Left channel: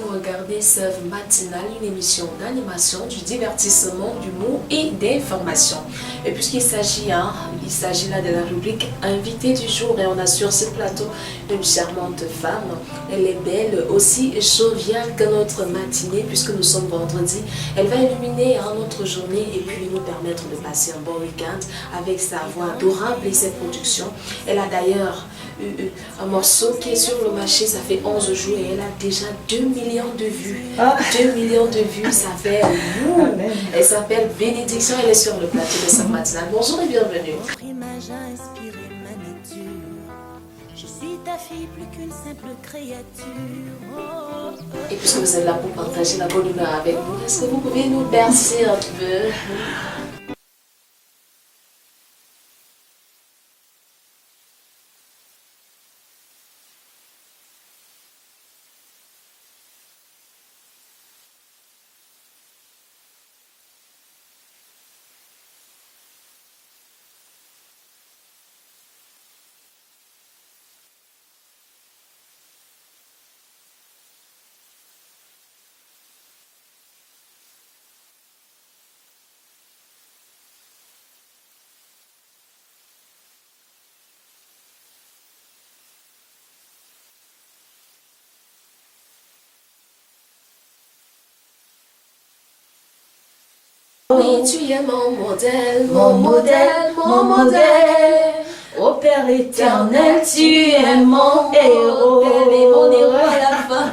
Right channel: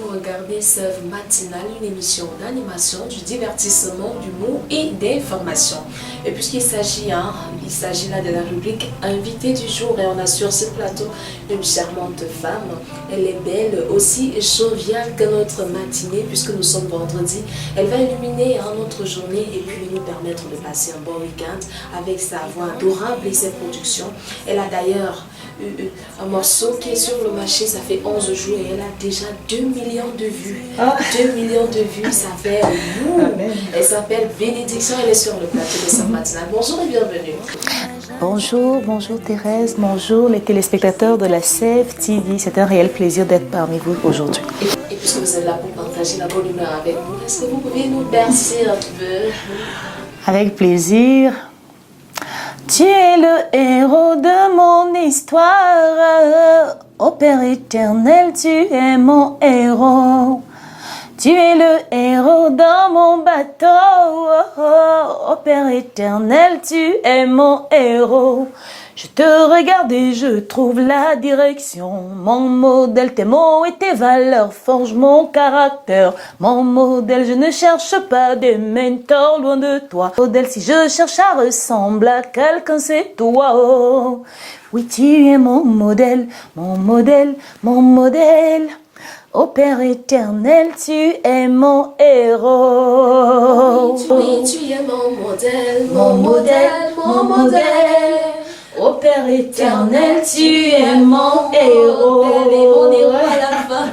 vous regardez Sève Matinale, une émission d'animation, du divertissement, d'humour et d'information. Et puisqu'il s'agit il s'agit là de la rubrique invité du jour et on a sur ce plateau une charmante femme. Elle est belle, aussi joviale que notre matinée puisque nous sommes vendredi. Elle va illuminer notre journée et puis nous permettre de passer un bon week-end avec sa voix adorable et ses productions. Elle a d'ailleurs un morceau qui est sur le marché, ça fait 11 jours et elle a déjà 2 millions de vues. 2 millions de vues, ça fait Elle s'appelle Bénédiction, elle est sur le plateau de Sève Matinale. Bonjour et bienvenue. Bonjour Thérèse, bonjour les téléspectateurs de la Sève TV. C'est un réel plaisir d'être parmi vous aujourd'hui. Et puisque vous êtes là pour partager la bonne humeur avec nous, est-ce que vous pouvez nous bercer un peu? Avec plaisir. Tu es le héros de mon histoire, ô Père éternel, tu es mon héros. Tu es le héros dans mon bateau, ô Père éternel, tu es mon héros. Je te regarde et je trouve la direction. Mon modèle, tes mots et tes valeurs forgent mon caractère. Mon modèle, je ne cherche pas des mentors loin de toi. Modèle, si je cherche à ressembler à quelqu'un, c'est toi. Oh. Oui, tu es mon modèle, mon modèle, mon modèle. Ô Père éternel, tu es mon héros. Oui, tu es mon modèle, mon modèle, mon modèle. Ô Père éternel, tu es mon héros. Et mon héros à la fin.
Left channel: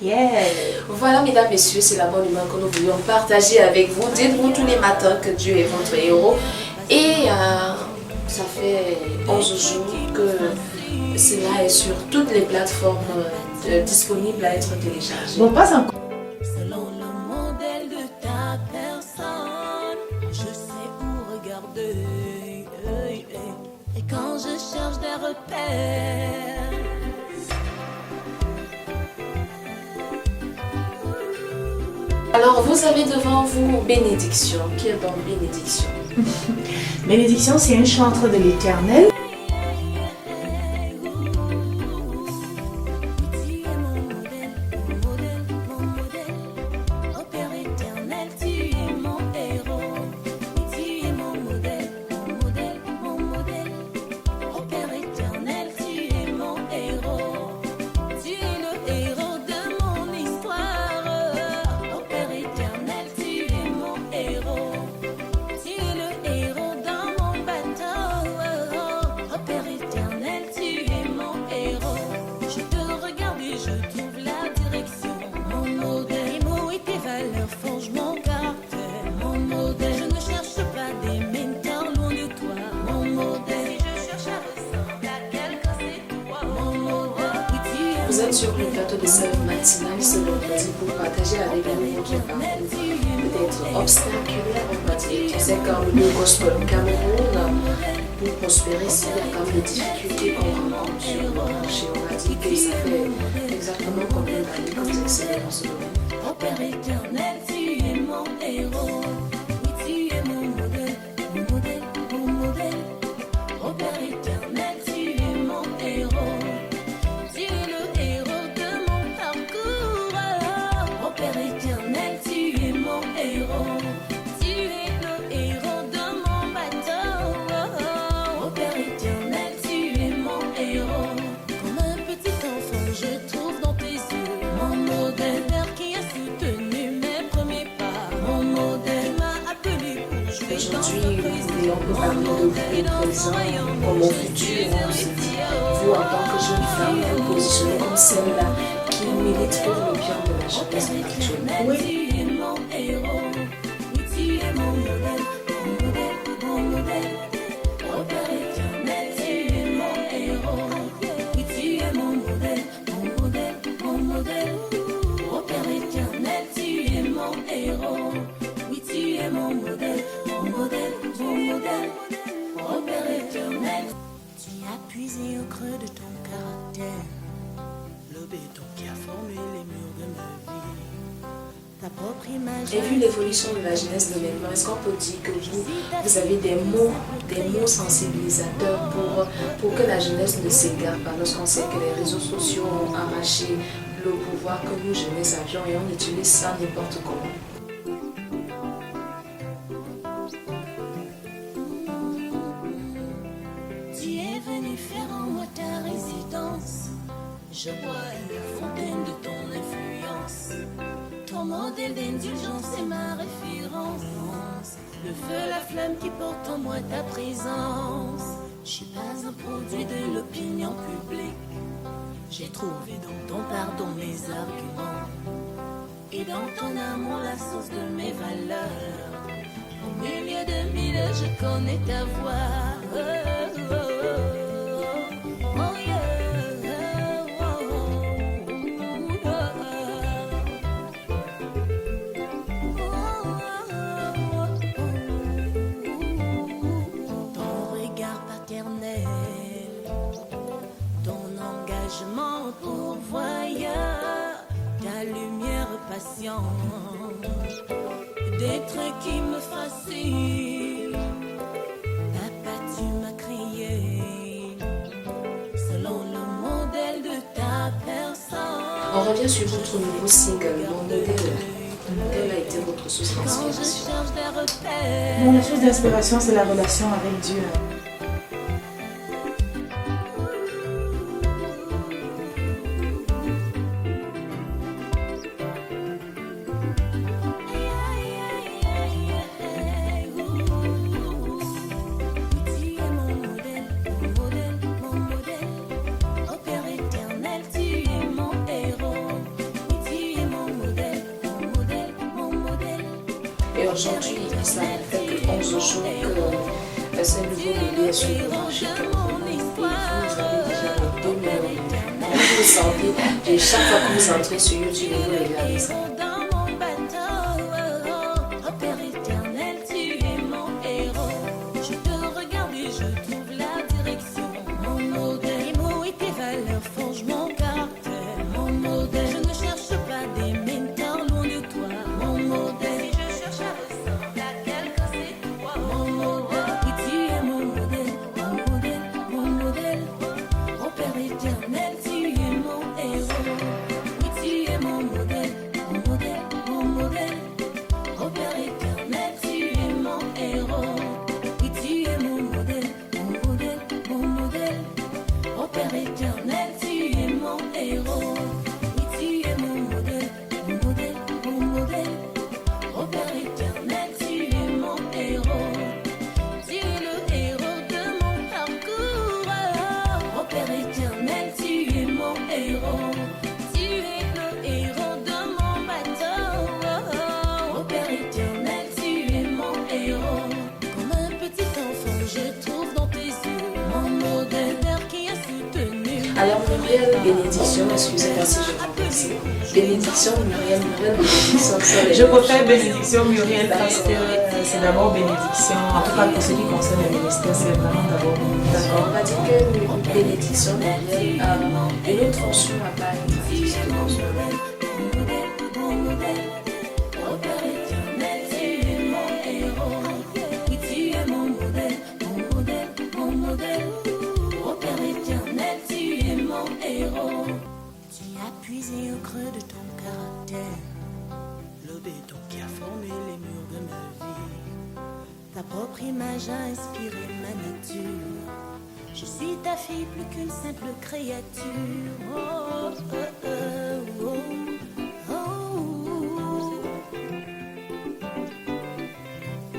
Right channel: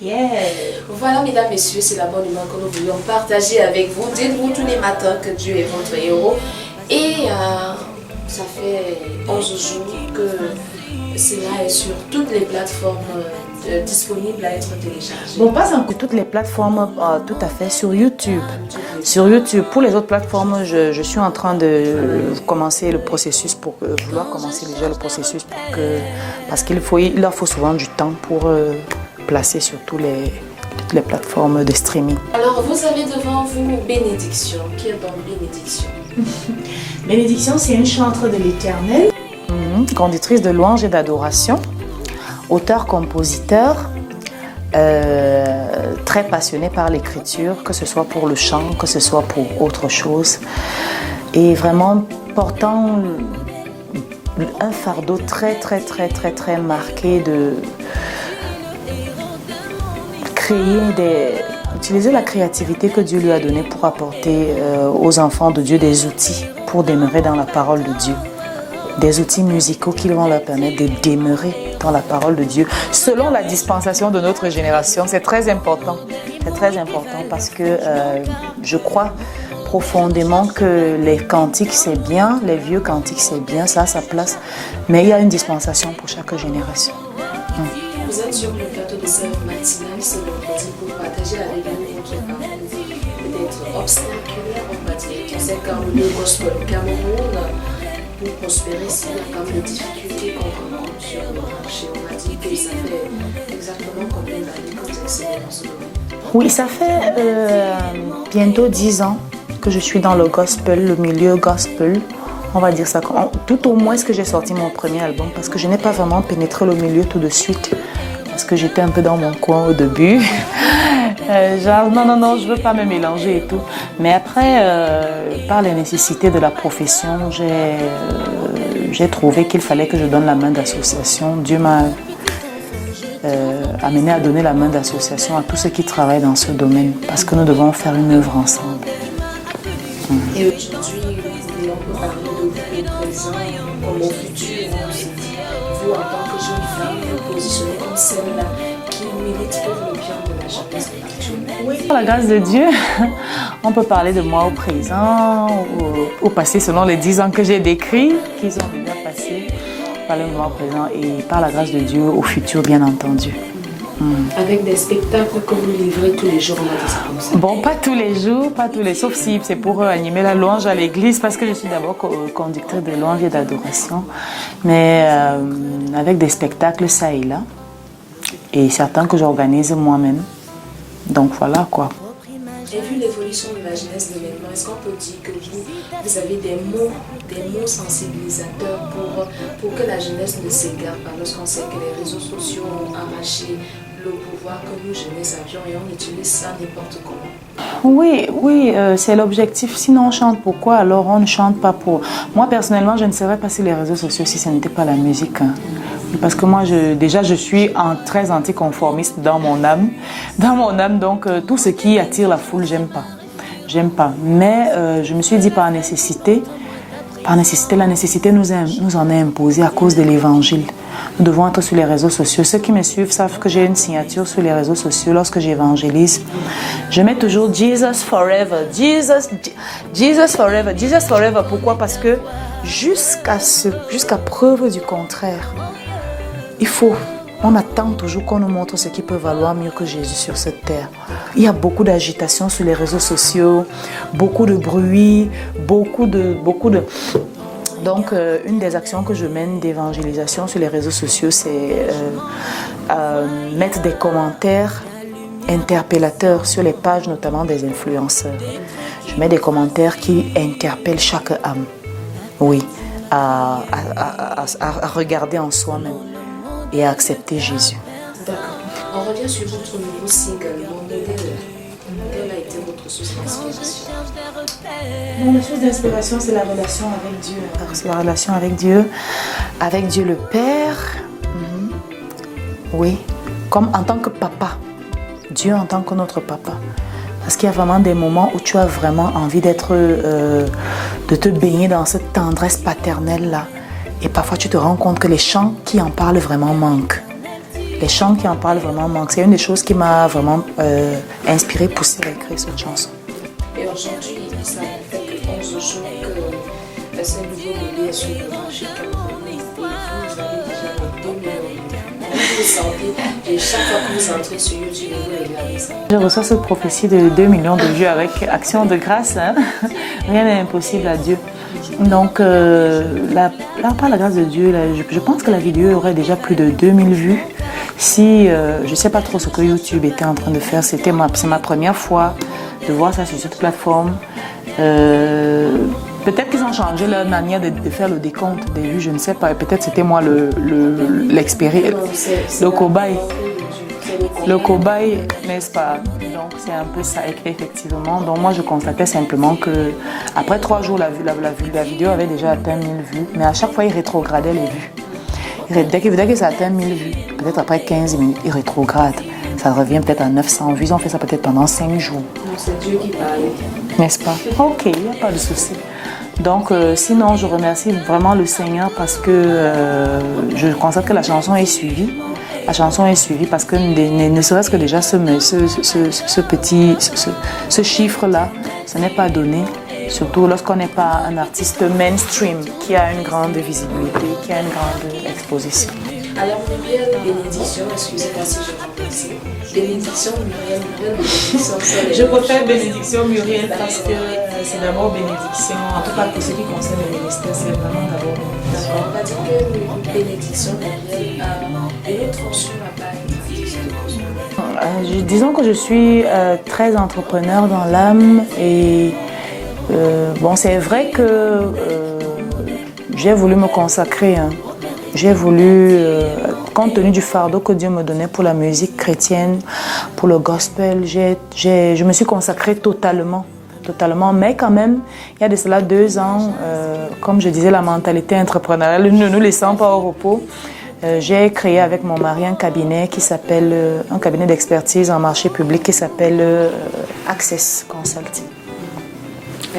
Yeah. Voilà, mesdames, messieurs, c'est la bonne humeur que nous voulions partager avec vous. Dites-vous tous les matins que Dieu est votre héros. Et ça fait 11 jours que cela est sur toutes les plateformes disponibles à être téléchargées. Bon, pas encore toutes les plateformes, tout à fait, sur YouTube. Sur YouTube, pour les autres plateformes, je suis en train de commencer le processus pour vouloir commencer déjà le processus parce qu'il leur faut souvent du temps pour placer sur toutes les plateformes de streaming. Alors, vous avez devant vous Bénédiction. Qui est donc Bénédiction? Bénédiction, c'est une chantre de l'Éternel, conductrice de louanges et d'adoration, auteur-compositeur, très passionné par l'écriture, que ce soit pour le chant, que ce soit pour autre chose, et vraiment portant un fardeau très marqué de utiliser la créativité que Dieu lui a donnée pour apporter aux enfants de Dieu des outils pour demeurer dans la parole de Dieu. Des outils musicaux qui vont leur permettre de demeurer dans la parole de Dieu selon la dispensation de notre génération. C'est très important. C'est très important parce que je crois profondément que les cantiques c'est bien, les vieux cantiques c'est bien, ça a sa place, mais il y a une dispensation pour chaque génération. Vous êtes sur le plateau de Sève Matinale ce vendredi pour partager avec nous votre parcours, peut-être obstaculaire, on va dire. On sait qu'en milieu gospel au Cameroun, pour prospérer, s'il y a quand même des difficultés qu'on rencontre sur le marché. On a dit que ça fait exactement combien d'années que vous excellez dans ce domaine? Oui, ça fait bientôt 10 ans que je suis dans le gospel, le milieu gospel. On va dire ça, tout au moins que j'ai sorti mon premier album parce que je n'ai pas vraiment pénétré le milieu tout de suite parce que j'étais un peu dans mon coin au début. Genre non, je veux pas me mélanger et tout. Mais après, par les nécessités de la profession, j'ai trouvé qu'il fallait que je donne la main d'association. Dieu m'a amené à donner la main d'association à tous ceux qui travaillent dans ce domaine parce que nous devons faire une œuvre ensemble. Et aujourd'hui, on peut parler de vous présent comme au futur. On se dit, vous en tant que jeune femme, vous positionnez comme celle-là qui milite pour le bien de la jeunesse actuelle. Oui, par la grâce de Dieu, on peut parler de moi au présent, au passé selon les 10 ans que j'ai décrits, qui ont déjà passé, parler de moi au présent et par la grâce de Dieu au futur bien entendu. Avec des spectacles que vous livrez tous les jours, Bon, pas tous les jours, sauf si c'est pour animer la louange à l'église, parce que je suis d'abord conductrice de louange et d'adoration, mais avec des spectacles ça et là, et certains que j'organise moi-même. Donc voilà quoi. Et vu l'évolution de la jeunesse de maintenant, est-ce qu'on peut dire que vous avez des mots sensibilisateurs pour que la jeunesse ne s'égare pas lorsqu'on sait que les réseaux sociaux ont arraché le pouvoir que nous jeunesse avions et on utilise ça n'importe comment. Oui, oui, c'est l'objectif. Sinon, on chante pourquoi? Alors, on ne chante pas pour... Moi, personnellement, je ne serais pas sur les réseaux sociaux si ce n'était pas la musique. Hein. Parce que moi, je suis très anticonformiste dans mon âme. Dans mon âme, donc, tout ce qui attire la foule, j'aime pas. J'aime pas. Mais je me suis dit par nécessité, la nécessité nous en est imposée à cause de l'évangile. Nous devons être sur les réseaux sociaux. Ceux qui me suivent savent que j'ai une signature sur les réseaux sociaux lorsque j'évangélise. Je mets toujours Jesus forever, Jesus forever, Jesus forever. Pourquoi? Parce que jusqu'à preuve du contraire, on attend toujours qu'on nous montre ce qui peut valoir mieux que Jésus sur cette terre. Il y a beaucoup d'agitation sur les réseaux sociaux, beaucoup de bruit, beaucoup de... Donc, une des actions que je mène d'évangélisation sur les réseaux sociaux, c'est mettre des commentaires interpellateurs sur les pages, notamment des influenceurs. Je mets des commentaires qui interpellent chaque âme, oui, à regarder en soi-même et à accepter Jésus. On revient sur votre nouveau single, Mon modèle. Quelle a été votre source d'inspiration? Mon source d'inspiration, c'est la relation avec Dieu. C'est la relation avec Dieu le Père. Oui, comme en tant que papa. Dieu en tant que notre papa. Parce qu'il y a vraiment des moments où tu as vraiment envie de te baigner dans cette tendresse paternelle-là. Et parfois, tu te rends compte que les chants qui en parlent vraiment manquent. Les chants qui en parlent vraiment manquent. C'est une des choses qui m'a vraiment inspirée, poussée à écrire cette chanson. Et aujourd'hui, ça fait que 11 jours que ce nouveau bébé est sur le marché. Vous avez déjà les 2 millions. Comment vous sentez? Et chaque fois que vous entrez sur YouTube, vous regardez ça. Je reçois cette prophétie de 2 millions de vues avec Action de grâce. Hein? Rien n'est impossible à Dieu. Donc, par la grâce de Dieu, je pense que la vidéo aurait déjà plus de 2000 vues. Si, je ne sais pas trop ce que YouTube était en train de faire, c'est ma première fois de voir ça sur cette plateforme. Peut-être qu'ils ont changé leur manière de faire le décompte des vues, je ne sais pas. Peut-être c'était moi l'expérience, le cobaye. Le cobaye, n'est-ce pas? Donc c'est un peu ça, effectivement. Donc moi je constatais simplement que après 3 jours, la vidéo avait déjà atteint 1000 vues. Mais à chaque fois, il rétrogradait les vues. Dès que ça atteint 1000 vues, peut-être après 15 minutes, il rétrograde. Ça revient peut-être à 900 vues. Ils ont fait ça peut-être pendant 5 jours. C'est Dieu qui parle. N'est-ce pas? Ok, il n'y a pas de souci. Donc, sinon, je remercie vraiment le Seigneur parce que je constate que la chanson est suivie. La chanson est suivie parce que ne serait-ce que déjà ce chiffre-là, ce n'est pas donné. Surtout lorsqu'on n'est pas un artiste mainstream qui a une grande visibilité, qui a une grande exposition. Alors, Muriel, bénédiction, excusez-moi si je remplace. Bénédiction, Muriel, bénédiction. Je préfère bénédiction, Muriel, parce que c'est d'abord bénédiction. En tout cas, pour ce qui concerne le ministère, c'est vraiment d'abord bénédiction. D'accord, on va dire que bénédiction, Muriel, une autre fonction à part être artiste gospel. Disons que je suis très entrepreneur dans l'âme et bon, c'est vrai que j'ai voulu me consacrer. Hein. J'ai voulu, compte tenu du fardeau que Dieu me donnait pour la musique chrétienne, pour le gospel, je me suis consacrée totalement. Mais quand même, il y a de cela 2 ans, comme je disais, la mentalité entrepreneuriale ne nous laissant pas au repos. J'ai créé avec mon mari un cabinet d'expertise en marché public qui s'appelle Access Consulting.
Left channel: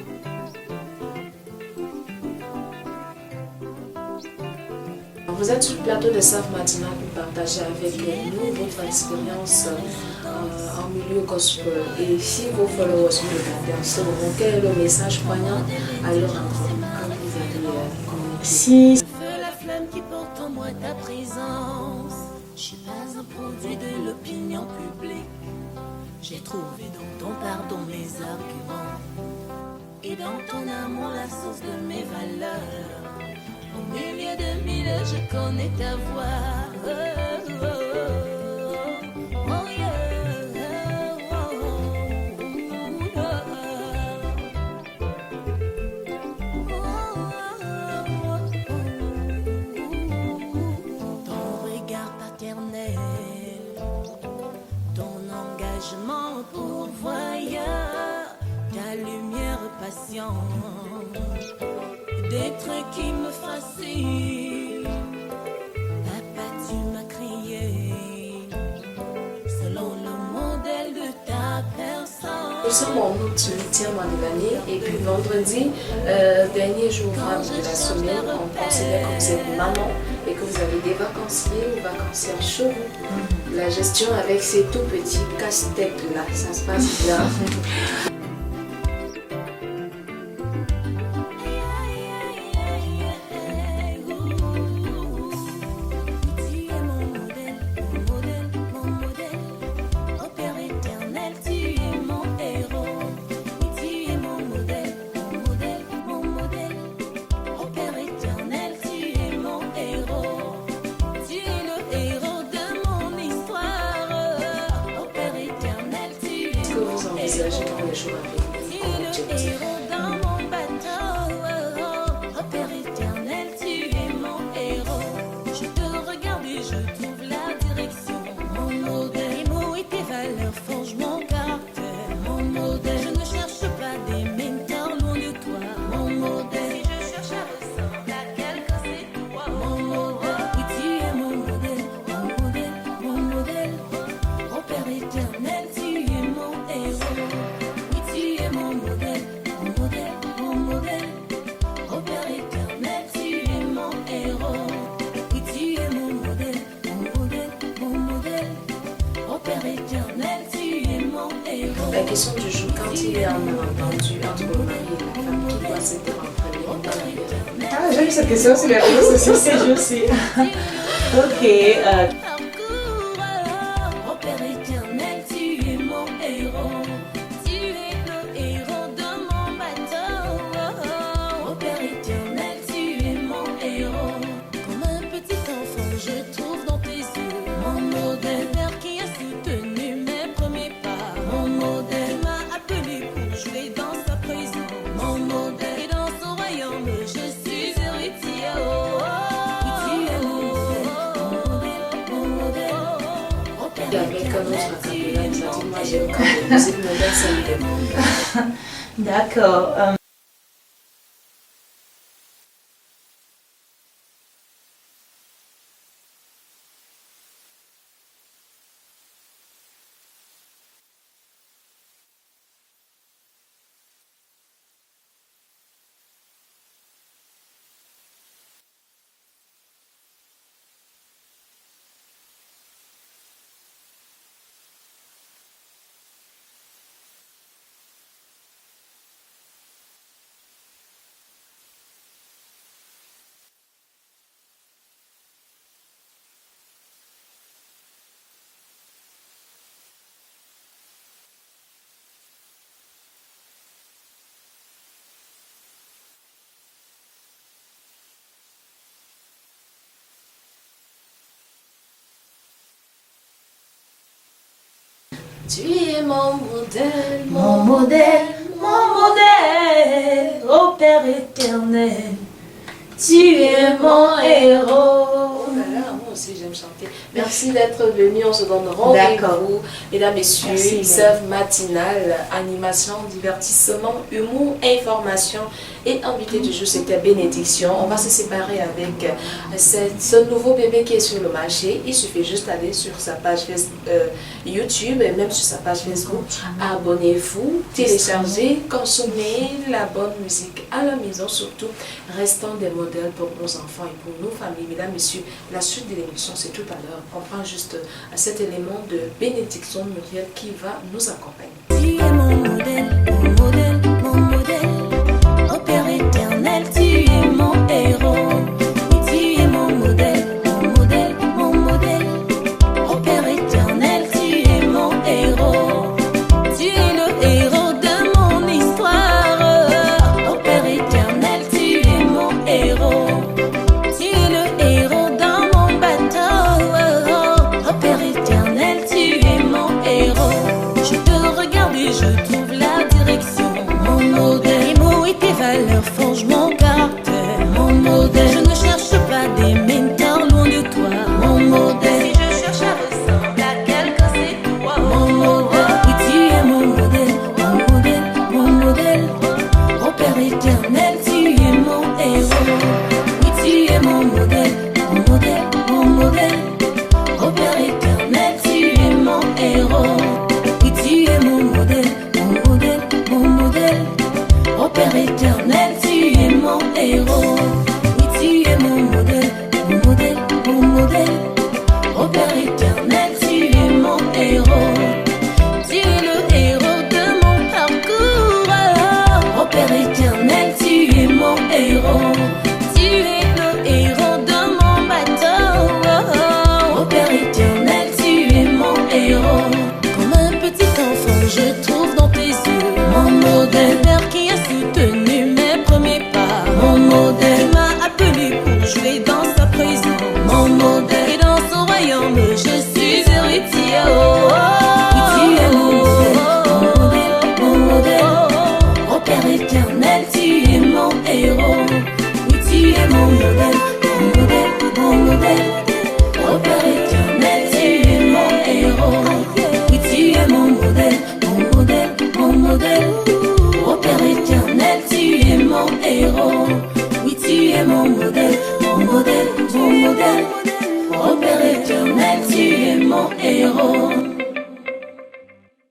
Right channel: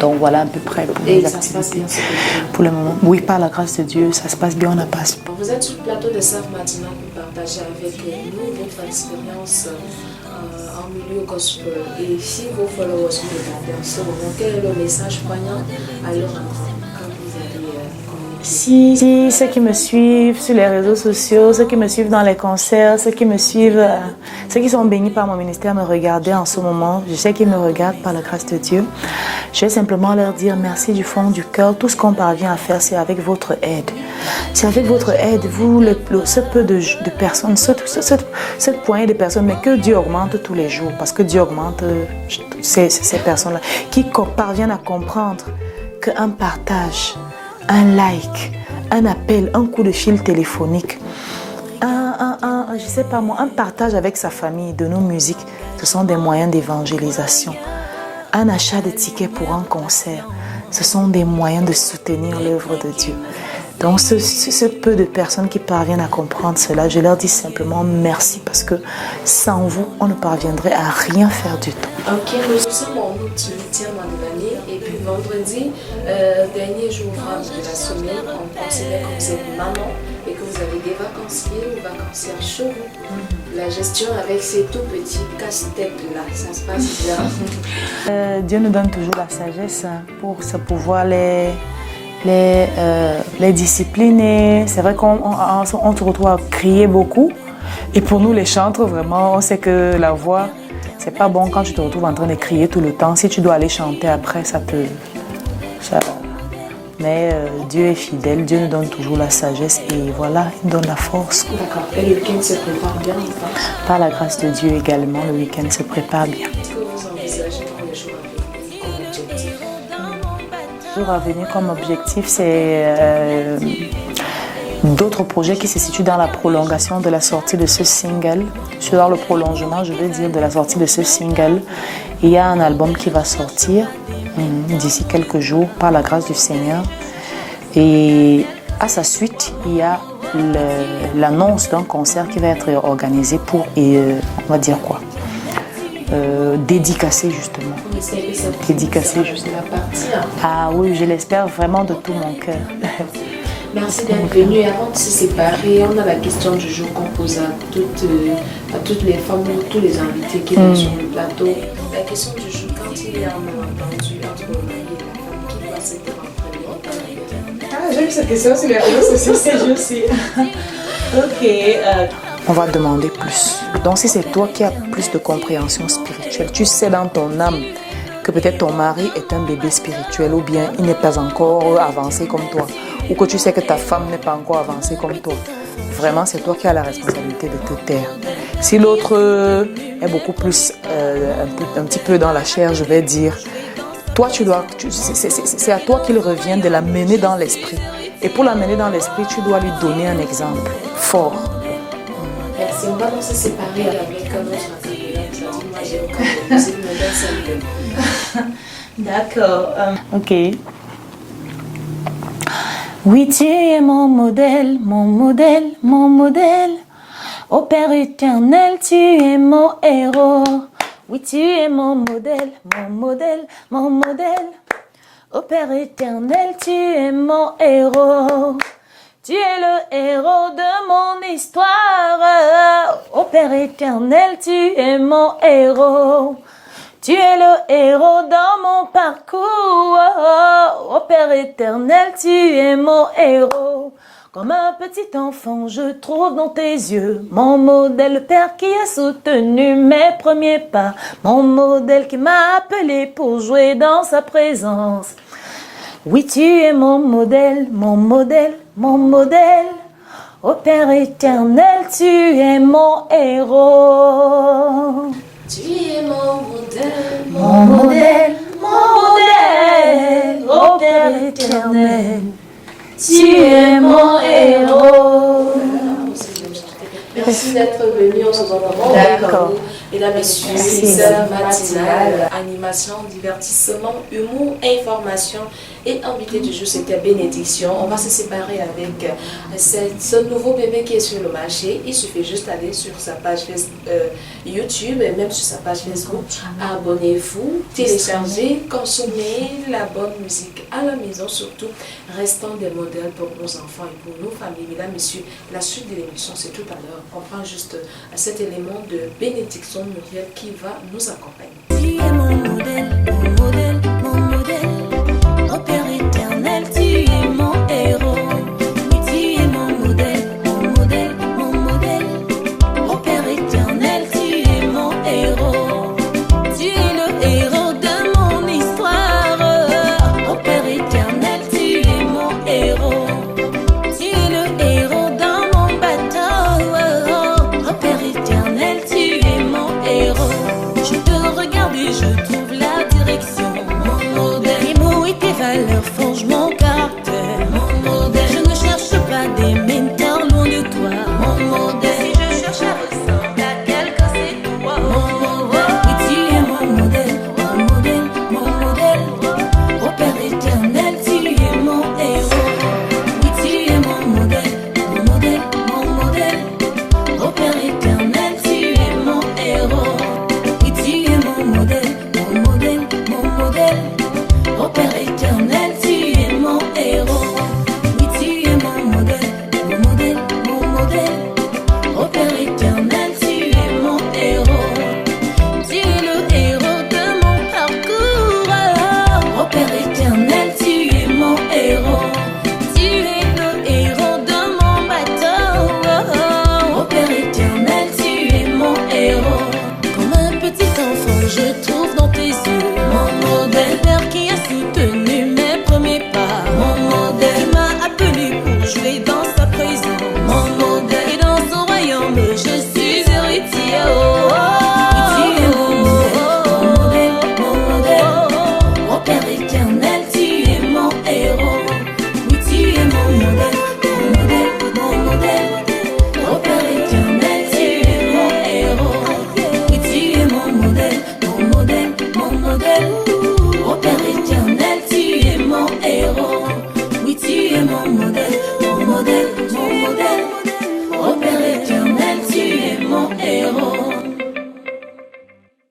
Donc voilà à peu près pour les activités. Pour le moment, oui, par la grâce de Dieu, ça se passe bien, on a passé. Vous êtes sur le plateau de Save Matinal pour partager avec nous votre expérience en milieu gospel. Et si vos followers vous regardent en ce moment, quel est le message poignant à leur endroit quand vous allez communiquer? Si ceux qui me suivent sur les réseaux sociaux, ceux qui me suivent dans les concerts, ceux qui sont bénis par mon ministère me regardaient en ce moment, je sais qu'ils me regardent par la grâce de Dieu. Je vais simplement leur dire merci du fond du cœur. Tout ce qu'on parvient à faire, c'est avec votre aide. C'est avec votre aide, vous, ce peu de personnes, cette poignée de personnes, mais que Dieu augmente tous les jours, parce que Dieu augmente ces personnes-là, qui parviennent à comprendre qu'un partage, un like, un appel, un coup de fil téléphonique, je sais pas moi, un partage avec sa famille de nos musiques, ce sont des moyens d'évangélisation. Un achat de tickets pour un concert, ce sont des moyens de soutenir l'œuvre de Dieu. Donc, ce peu de personnes qui parviennent à comprendre cela, je leur dis simplement merci parce que sans vous, on ne parviendrait à rien faire du tout. Ok, nous sommes en août, 8e mois de l'année, et puis vendredi, dernier jour de la semaine, on considère que vous êtes maman et que vous avez des vacanciers ou vacancières chez vous. La gestion avec ces tout petits casse-têtes-là, ça se passe bien. Dieu nous donne toujours la sagesse pour pouvoir les discipliner. C'est vrai qu'on se retrouve à crier beaucoup. Et pour nous, les chantres, vraiment, on sait que la voix, c'est pas bon quand tu te retrouves en train de crier tout le temps. Si tu dois aller chanter après, ça peut... Mais Dieu est fidèle, Dieu nous donne toujours la sagesse et voilà, il donne la force. D'accord. Et le week-end se prépare bien, par la grâce de Dieu également, le week-end se prépare bien. Qu'est-ce que vous envisagez pour les jours à venir comme objectif? Jour à venir comme objectif, c'est d'autres projets qui se situent dans la prolongation de la sortie de ce single. Sur le prolongement, je veux dire, de la sortie de ce single. Il y a un album qui va sortir d'ici quelques jours par la grâce du Seigneur. Et à sa suite, il y a l'annonce d'un concert qui va être organisé pour, on va dire quoi, dédicacé justement. Dédicacé justement. Ah oui, je l'espère vraiment de tout mon cœur. Merci d'être venu. Avant de se séparer, on a la question du jour qu'on pose à toutes les femmes, tous les invités qui sont sur le plateau. La question du jour, quand il y a un malentendu entre le mari et la femme, qui doit s'être en premier dans la vie? J'ai eu cette question sur les réseaux sociaux ces jours-ci. Ok. On va demander plus. Donc si c'est toi qui as plus de compréhension spirituelle, tu sais dans ton âme que peut-être ton mari est un bébé spirituel ou bien il n'est pas encore avancé comme toi, ou que tu sais que ta femme n'est pas encore avancée comme toi. Vraiment, c'est toi qui as la responsabilité de te taire. Si l'autre est beaucoup plus, un petit peu dans la chair, je vais dire, toi, c'est à toi qu'il revient de la mener dans l'esprit. Et pour la mener dans l'esprit, tu dois lui donner un exemple fort. Merci. On va se séparer avec un autre acapella. Moi, j'ai aucun de musique, mais D'accord. Ok. Oui, tu es mon modèle, mon modèle, mon modèle. Ô Père éternel, tu es mon héros. Oui, tu es mon modèle, mon modèle, mon modèle. Ô Père éternel, tu es mon héros. Tu es le héros de mon histoire. Ô Père éternel, tu es mon héros. Tu es le héros dans mon parcours. Ô Père éternel, tu es mon héros. Comme un petit enfant, je trouve dans tes yeux mon modèle, le Père qui a soutenu mes premiers pas. Mon modèle qui m'a appelé pour jouer dans sa présence. Oui, tu es mon modèle, mon modèle, mon modèle. Ô Père éternel, tu es mon héros. tu es mon modèle, Mon modèle, mon modèle. Ô Père éternel, tu es mon héros. Moi aussi, j'aime chanter. Merci d'être venu. On se donne rendez-vous. Mesdames, Messieurs, une heure matinale, animation, divertissement, humour, information et invité du jour, c'était Bénédiction. On va se séparer avec ce nouveau bébé qui est sur le marché. Il suffit juste d'aller sur sa page YouTube et même sur sa page Facebook. Abonnez-vous, téléchargez, consommez la bonne musique à la maison. Surtout, restons des modèles pour nos enfants et pour nos familles. Mesdames, Messieurs, la suite de l'émission, c'est tout à l'heure. On prend juste cet élément de Bénédiction Muriel qui va nous accompagner. Tu es mon modèle, mon modèle, mon modèle. Ô Père éternel, tu es mon héros. Oui, tu es mon modèle, mon modèle, mon modèle. Ô Père éternel, tu es mon héros. Tu es le héros de mon histoire. Ô Père éternel, tu es mon héros. Tu es le héros dans mon bateau. Ô Père éternel, tu es mon héros. Je te regarde et je trouve la direction. Je trouve